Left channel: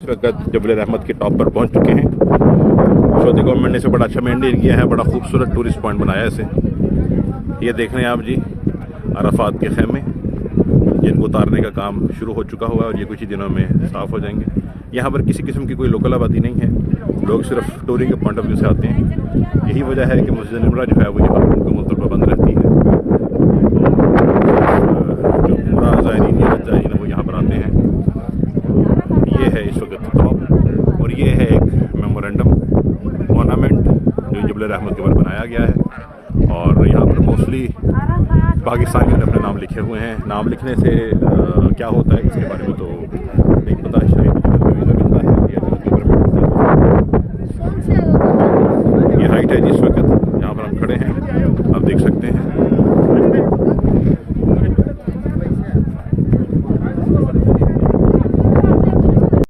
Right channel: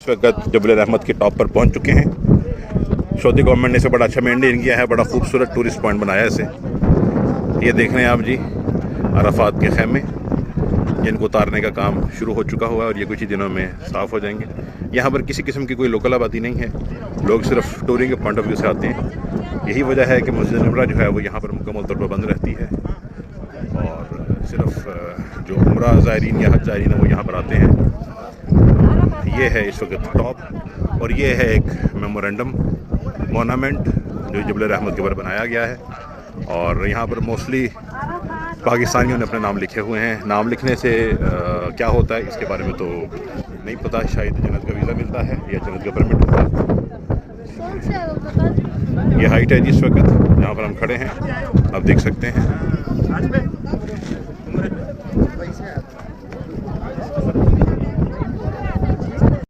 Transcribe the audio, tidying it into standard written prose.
इस वक्त जबल रहमत के टॉप पर पहुंच चुके हैं। सऊदी गवर्नमेंट ने इसे बड़ा अच्छा मेंटेन किया है, बड़ा खूबसूरत टूरिस्ट पॉइंट बनाया है इसे। ये देख रहे हैं आप जी, अराफात के खैमे जिनको उतारने का काम शुरू हो चुका हुआ है और ये कुछ ही दिनों में साफ़ हो जाएंगे। यहाँ पर किसी किस्म की कोई लोकल आबादी नहीं है, लोग सिर्फ टूरिंग के पॉइंट ऑफ व्यू से आते हैं। यही वजह है कि मस्जिद नमरा जो है वो यहाँ पर मुकम्मल तौर पर बंद रहती है। सिर्फ जो उम्रा ज़ायरीन या हज ज़ायरीन वो यहाँ पर आते हैं। ये है इस वक्त टॉप और ये है एक मेमोरेंडम मोनामेंट जो जबल रहमत के ऊपर बनाया गया है। और यहाँ पर मोस्टली पाकिस्तानियों ने अपने नाम लिखे हुए हैं। नाम लिखने से क्या होता है इसके बारे में तो नहीं पता, शायद जन्नत का वीज़ा मिलता है या जन्नत का परमिट मिलता है। ये हाइट है जिस वक्त जहाँ पर हम खड़े हैं, आप देख सकते हैं।